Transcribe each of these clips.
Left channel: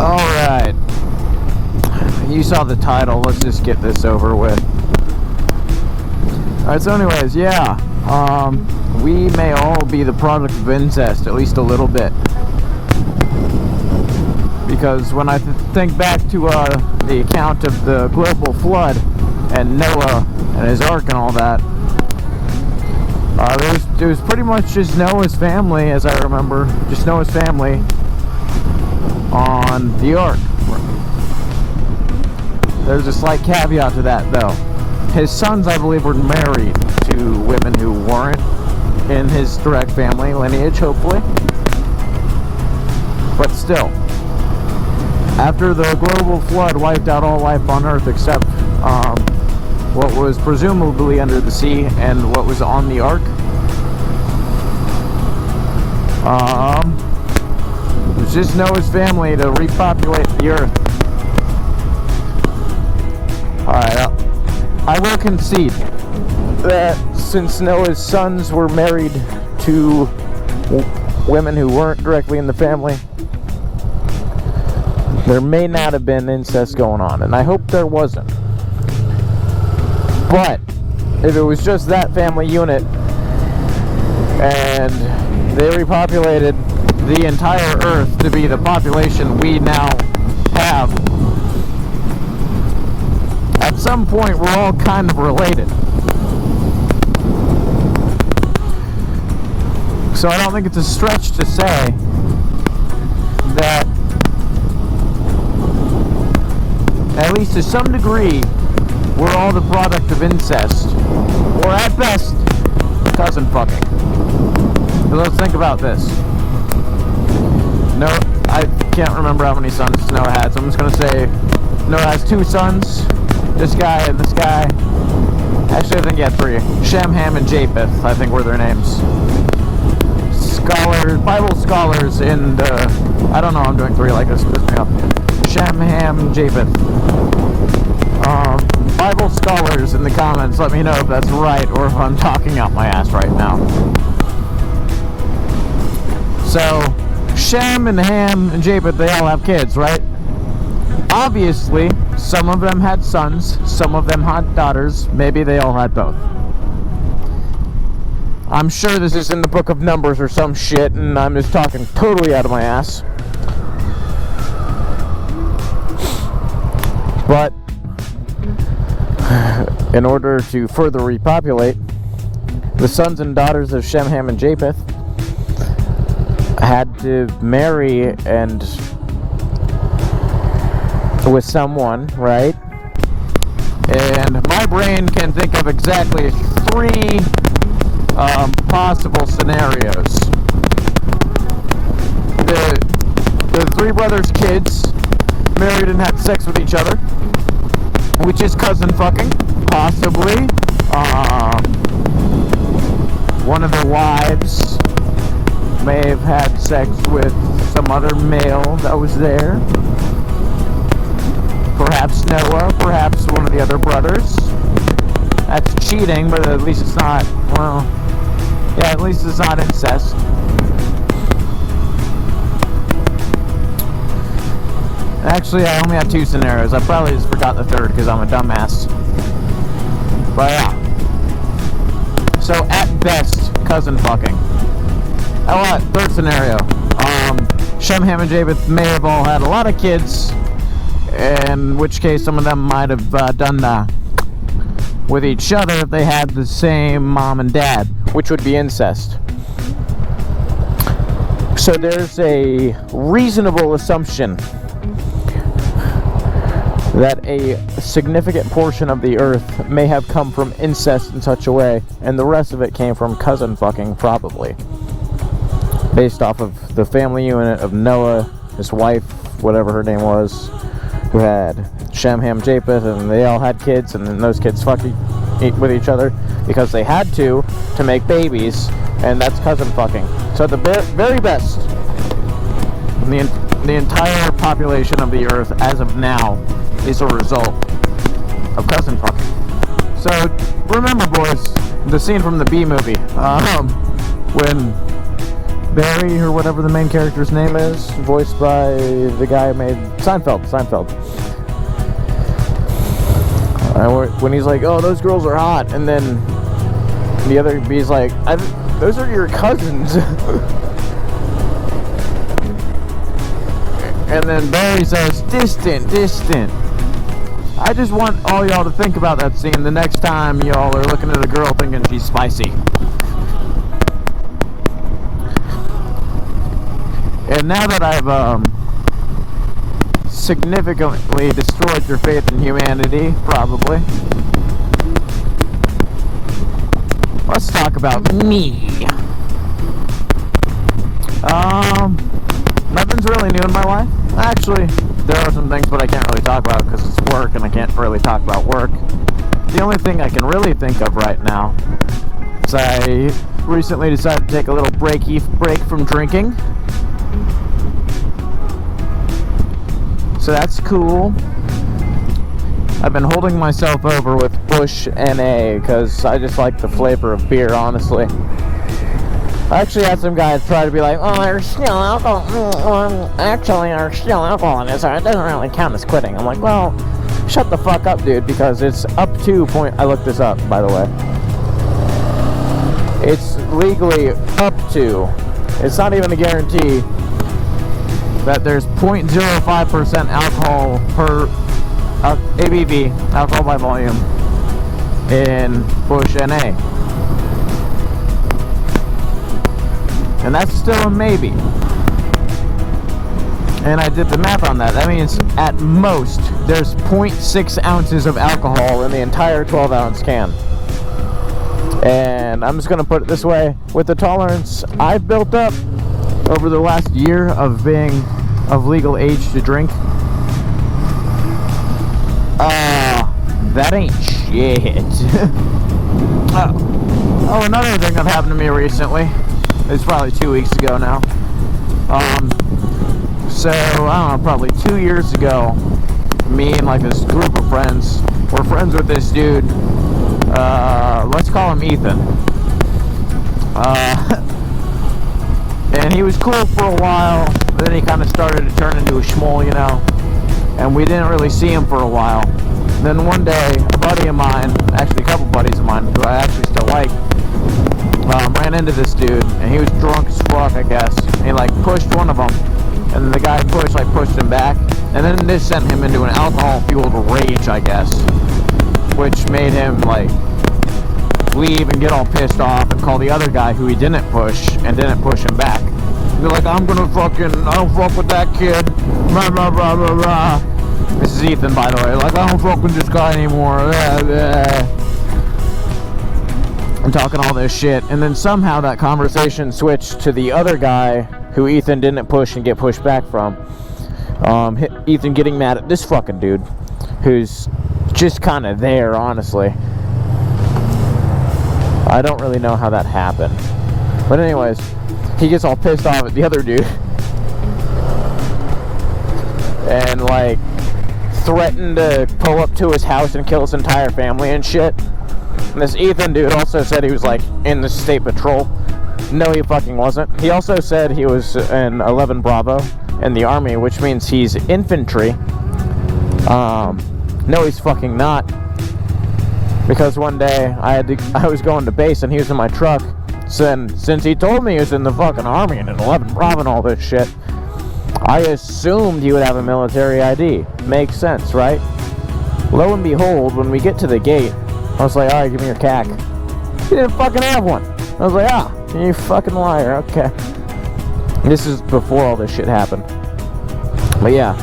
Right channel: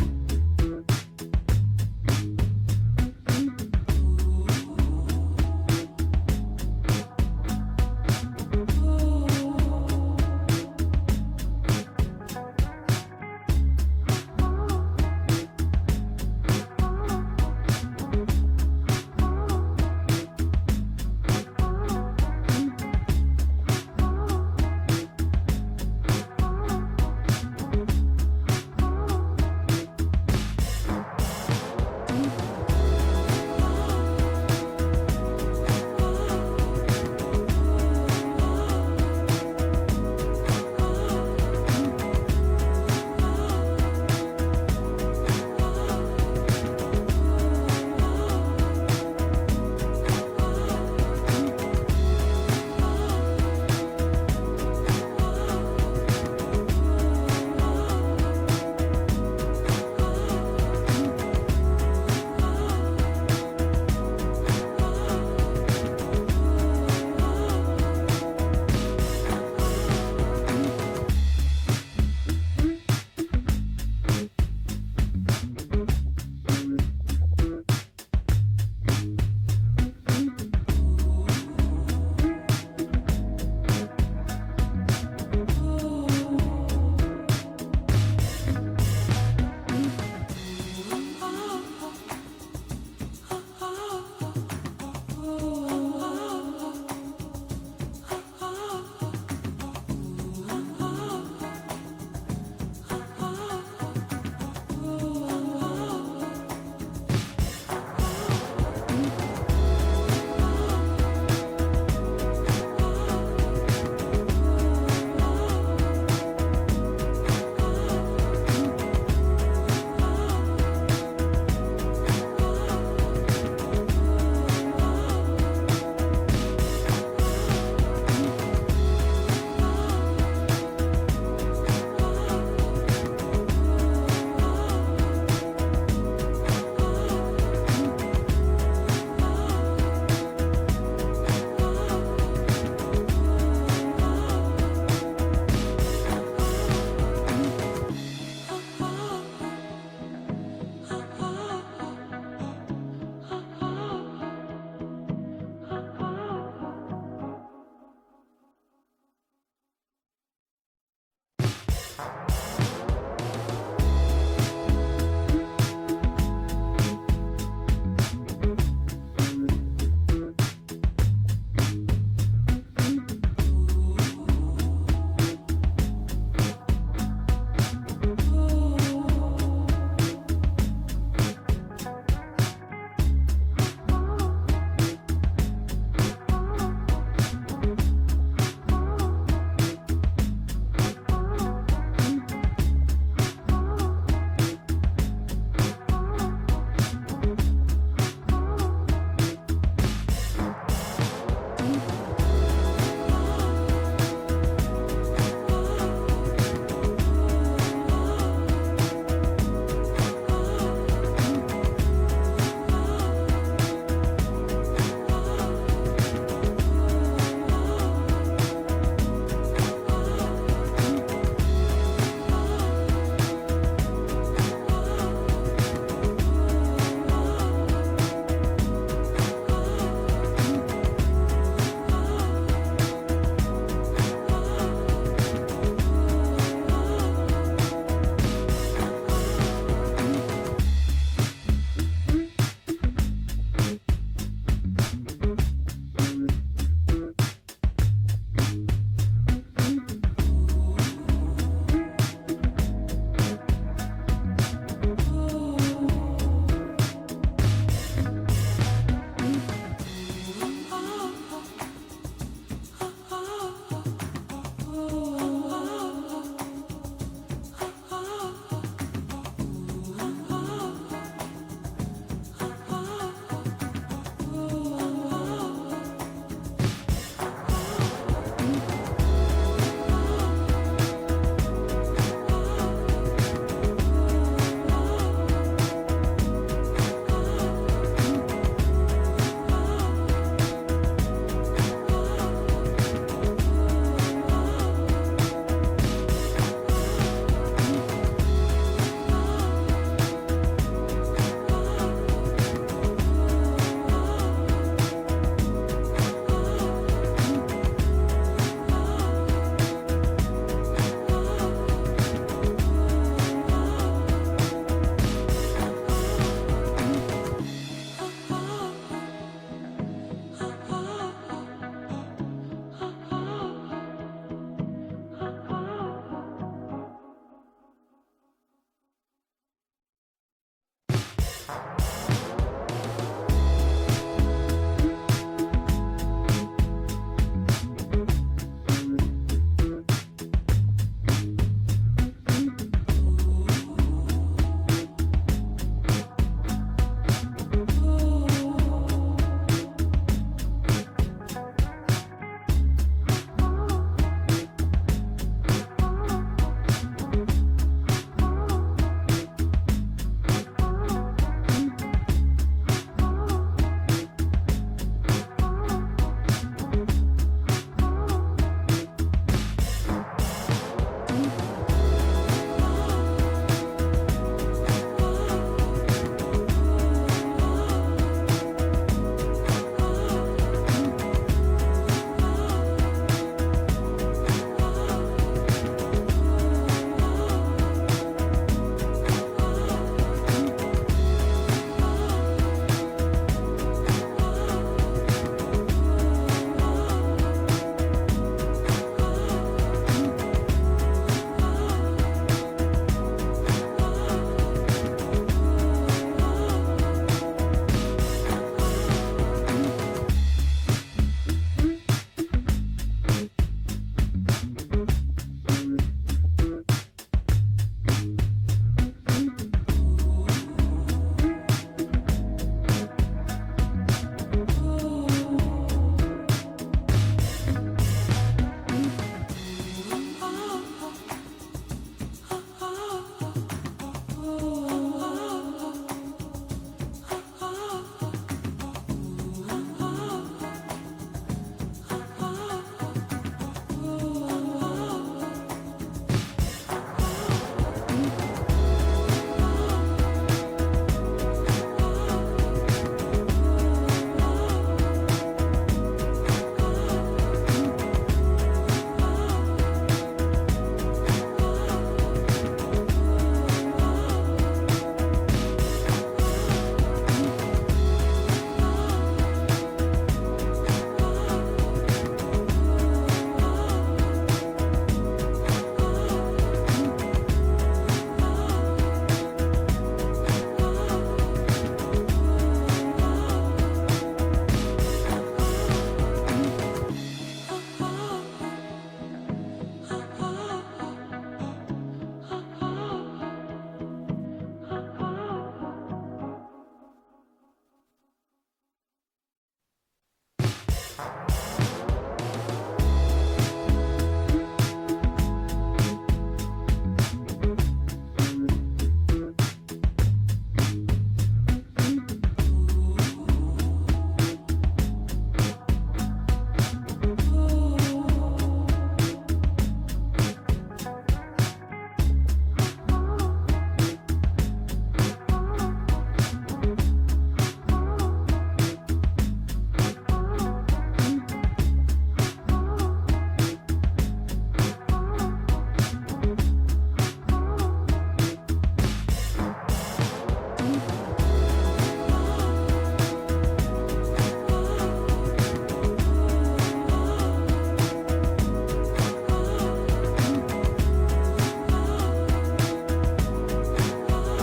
Alright. You saw the title, let's just get this over with. Alright, so anyways, yeah. We may all be the product of incest, at least a little bit. Because when I think back to the account of the global flood and Noah and his ark and all that, it was pretty much just Noah's family, as I remember, just Noah's family on the ark. There's a slight caveat to that, though. His sons, I believe, were married to women who weren't in his direct family lineage, hopefully. But still, after the global flood wiped out all life on Earth except what was presumably under the sea and what was on the ark, it was just Noah's family to repopulate the Earth. Alright, I will concede that since Noah's sons were married to women who weren't directly in the family, there may not have been incest going on, and I hope there wasn't. But if it was just that family unit and they repopulated the entire Earth to be the population we now have, at some point we're all kind of related. So I don't think it's a stretch to say that, at least to some degree, we're all the product of incest, or at best, cousin fucking. But let's think about this. No, I can't remember how many sons Noah had, so I'm just gonna say Noah has 2 sons. This guy and this guy. Actually, I think he had 3. Shem, Ham, and Japheth, I think were their names. Scholars, Bible scholars in the, I don't know, I'm doing 3 like this. Shem, Ham, Japheth. Bible scholars in the comments, let me know if that's right or if I'm talking out my ass right now. So, Shem and Ham and Japheth, they all have kids, right? Obviously, some of them had sons, some of them had daughters, maybe they all had both. I'm sure this is in the book of Numbers or some shit, and I'm just talking totally out of my ass. But in order to further repopulate, the sons and daughters of Shem, Ham, and Japheth had to marry and with someone, right? And my brain can think of exactly 3 possible scenarios. The 3 brothers' kids married and had sex with each other, which is cousin fucking, possibly. One of their wives may have had sex with some other male that was there. Perhaps Noah, perhaps one of the other brothers. That's cheating, but at least it's not, well, yeah, at least it's not incest. Actually, I only have 2 scenarios. I probably just forgot the 3rd because I'm a dumbass. But yeah. So at best, cousin fucking. Oh, what? 3rd scenario. Shem, Ham, and Japheth may have all had a lot of kids, in which case some of them might have done that with each other if they had the same mom and dad, which would be incest. So there's a reasonable assumption that a significant portion of the Earth may have come from incest in such a way, and the rest of it came from cousin fucking, probably. Based off of the family unit of Noah, his wife, whatever her name was, who had Shem, Ham, Japheth, and they all had kids, and then those kids fucking with each other because they had to make babies, and that's cousin fucking. So the very best, the entire population of the Earth as of now is a result of cousin fucking. So remember, boys, the scene from the B movie, when Barry, or whatever the main character's name is, voiced by the guy who made Seinfeld. When he's like, oh, those girls are hot, and then the other B's like, those are your cousins. And then Barry says, distant. I just want all y'all to think about that scene the next time y'all are looking at a girl thinking she's spicy. And now that I've significantly destroyed your faith in humanity, probably, let's talk about me. Nothing's really new in my life. Actually, there are some things, but I can't really talk about because it's work, and I can't really talk about work. The only thing I can really think of right now is I recently decided to take a little break from drinking. So that's cool. I've been holding myself over with Bush NA because I just like the flavor of beer, honestly. I actually had some guys try to be like, oh, there's still alcohol. Actually, there's still alcohol in this. It doesn't really count as quitting. I'm like, well, shut the fuck up, dude, because it's up to I looked this up, by the way. It's legally up to. It's not even a guarantee that there's 0.05% alcohol per ABV, alcohol by volume, in Bush NA. And that's still a maybe. And I did the math on that. That means at most there's 0.6 ounces of alcohol in the entire 12-ounce can. And I'm just gonna put it this way: with the tolerance I've built up over the last year of being of legal age to drink, that ain't shit. Oh, another thing that happened to me recently. It's probably 2 weeks ago now. So, I don't know, probably 2 years ago, me and like this group of friends were friends with this dude. Let's call him Ethan. And he was cool for a while, then he kind of started to turn into a schmoll, you know, and we didn't really see him for a while. Then one day, a buddy of mine, actually a couple buddies of mine, who I actually still like, ran into this dude, and he was drunk as fuck, I guess. And he like pushed one of them, and then the guy pushed him back, and then this sent him into an alcohol-fueled rage, I guess, which made him like leave and get all pissed off and call the other guy who he didn't push and didn't push him back. Be like, I don't fuck with that kid. Blah blah blah blah blah. This is Ethan, by the way. Like, I don't fuck with this guy anymore. Blah, blah. I'm talking all this shit, and then somehow that conversation switched to the other guy who Ethan didn't push and get pushed back from. Ethan getting mad at this fucking dude who's just kind of there, honestly. I don't really know how that happened, but anyways, he gets all pissed off at the other dude and like threatened to pull up to his house and kill his entire family and shit. And this Ethan dude also said he was like in the state patrol. No, he fucking wasn't. He also said he was in 11 Bravo in the army, which means he's infantry. No, he's fucking not. Because one day I was going to base and he was in my truck. So since he told me he was in the fucking army and in 11 Bravo and all this shit, I assumed he would have a military ID. Makes sense, right? Lo and behold, when we get to the gate, I was like, alright, give me your CAC. He didn't fucking have one. I was like, you fucking liar, okay. This is before all this shit happened. But yeah.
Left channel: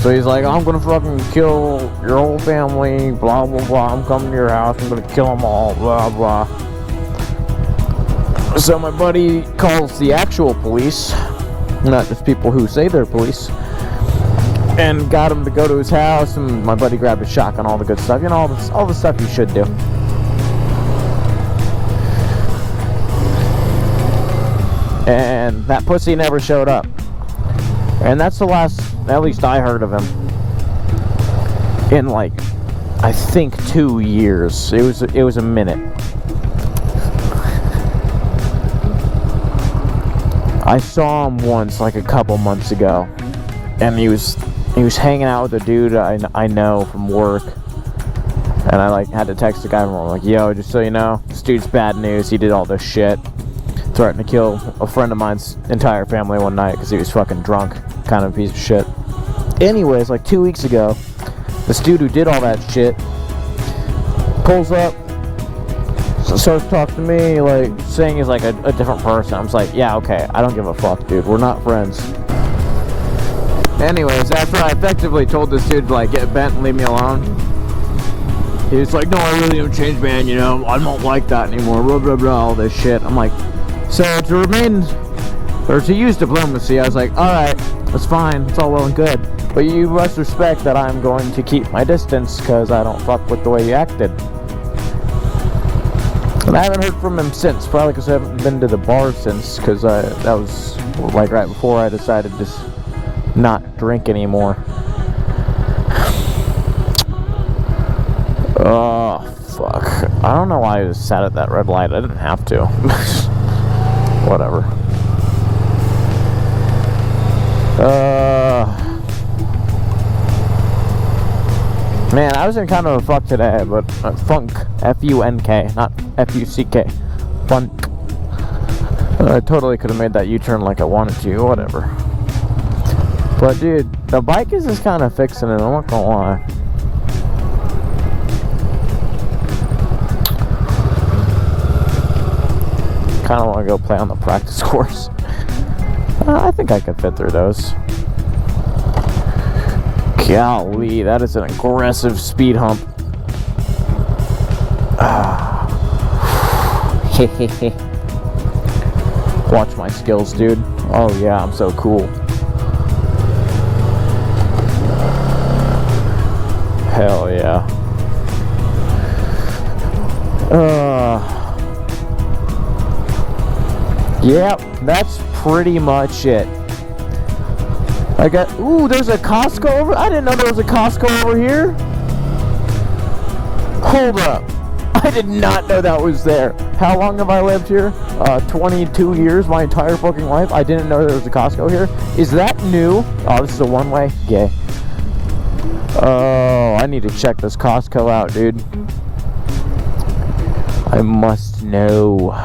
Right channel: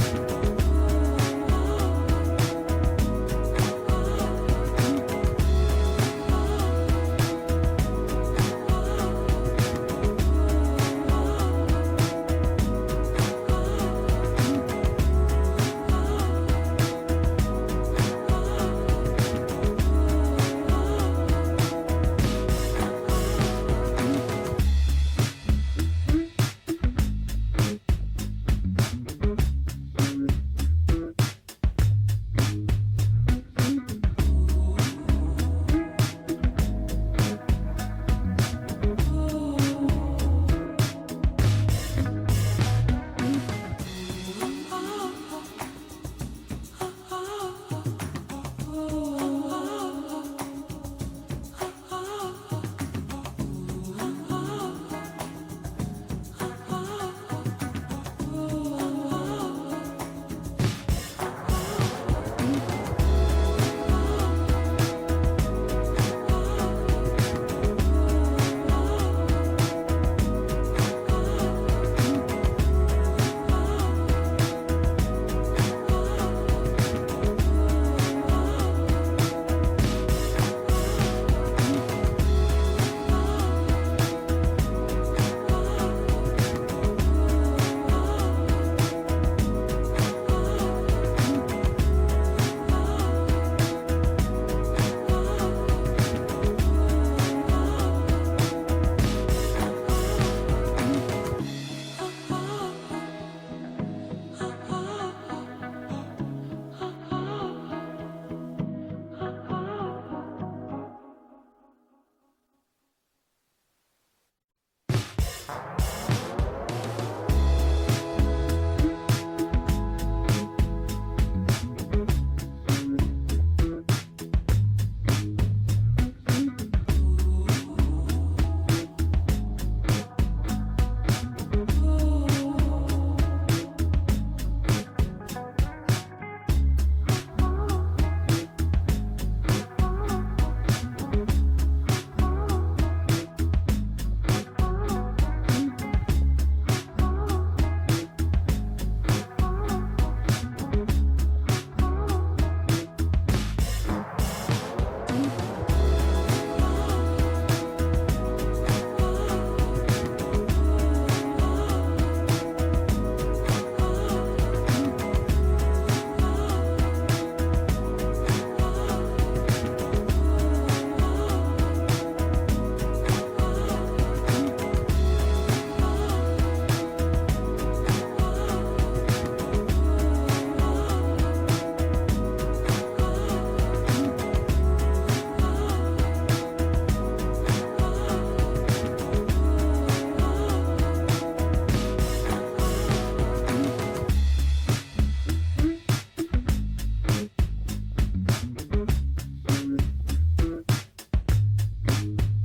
So he's like, I'm gonna fucking kill your whole family, blah blah blah, I'm coming to your house, I'm gonna kill them all, blah blah. So my buddy calls the actual police, not just people who say they're police, and got him to go to his house, and my buddy grabbed a shotgun, all the good stuff, you know, all the stuff you should do. And that pussy never showed up. And that's the last, at least I heard of him, in like, I think 2 years. It was a minute. I saw him once, like a couple months ago, and he was hanging out with a dude I know from work, and I like had to text the guy and I'm like, yo, just so you know, this dude's bad news. He did all this shit, threatened to kill a friend of mine's entire family one night because he was fucking drunk, kind of piece of shit. Anyways, like 2 weeks ago, this dude who did all that shit pulls up, starts talking to me, like saying he's like a different person. I was like, yeah, okay, I don't give a fuck, dude. We're not friends. Anyways, after I effectively told this dude to like get bent and leave me alone, he was like, no, I really don't change, man, you know, I don't like that anymore, blah, blah, blah, all this shit. I'm like, so to use diplomacy, I was like, alright, that's fine, it's all well and good, but you must respect that I'm going to keep my distance because I don't fuck with the way you acted. And I haven't heard from him since, probably because I haven't been to the bar since, because that was like right before I decided to just not drink anymore. Oh, fuck. I don't know why I just sat at that red light. I didn't have to. Whatever. Man, I was in kind of a fuck today, but funk. F-U-N-K, not F-U-C-K. Funk. I totally could have made that U-turn like I wanted to, whatever. But dude, the bike is just kind of fixing it, I'm not gonna lie. Kind of want to go play on the practice course. I think I could fit through those. Golly, that is an aggressive speed hump. Watch my skills, dude. Oh yeah, I'm so cool. Hell yeah. Yep, that's pretty much it. I got, ooh, there's a Costco over, I didn't know there was a Costco over here. Hold up, I did not know that was there. How long have I lived here? 22 years, my entire fucking life. I didn't know there was a Costco here. Is that new? Oh, this is a one-way? Gay. Oh, I need to check this Costco out, dude. I must know.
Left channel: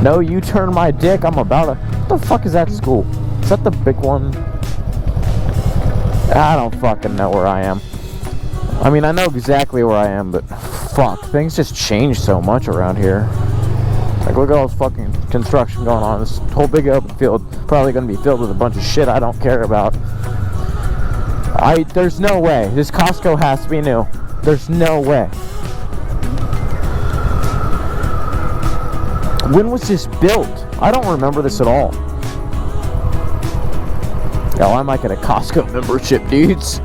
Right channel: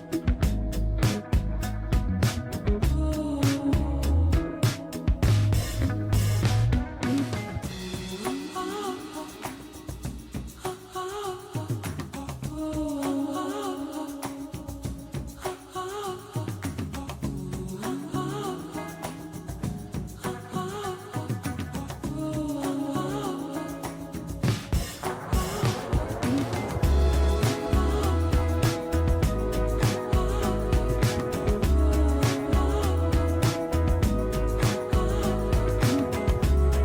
No, you turn my dick, I'm about to... What the fuck is that school? Is that the big one? I don't fucking know where I am. I mean, I know exactly where I am, but fuck, things just change so much around here. Like, look at all this fucking construction going on. This whole big open field probably gonna be filled with a bunch of shit I don't care about. There's no way. This Costco has to be new. There's no way. When was this built? I don't remember this at all. Yo, I might get a Costco membership, dudes.